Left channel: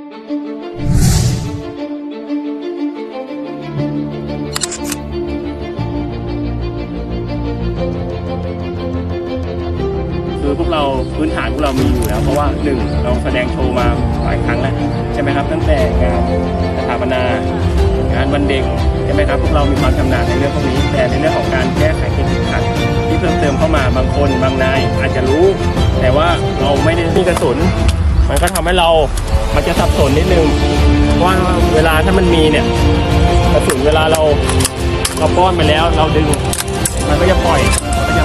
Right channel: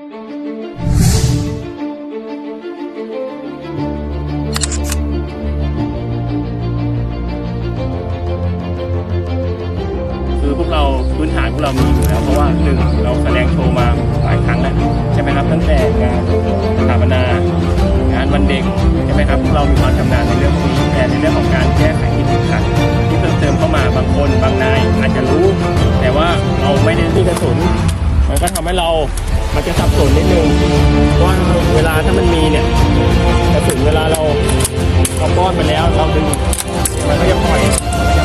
คือพวกเราพื้นฐานพวกเรามีอยู่แล้วเพราะว่า1เราแสดงโชว์มาหลายครั้งแล้วใช่ไหมครับตั้งแต่งานสถาปนางานวันเด็กใช่ไหมครับพวกเรามีความชำนาญในเรื่องพวกนี้แต่ในเรื่องของการแก้ไขที่ติดขัดที่เพิ่มเติมเข้ามาบางคนบางนายอาจจะรู้แต่ว่าเราไม่ได้มีกระสุนมันก็ทำให้มันจะสับสนนิดนึงว่าเวลาถ้ามันมีเนี่ยกระสุนเวลาเราป้อนไปแล้วเราดึงมันก็จะปล่อยมันก็จะ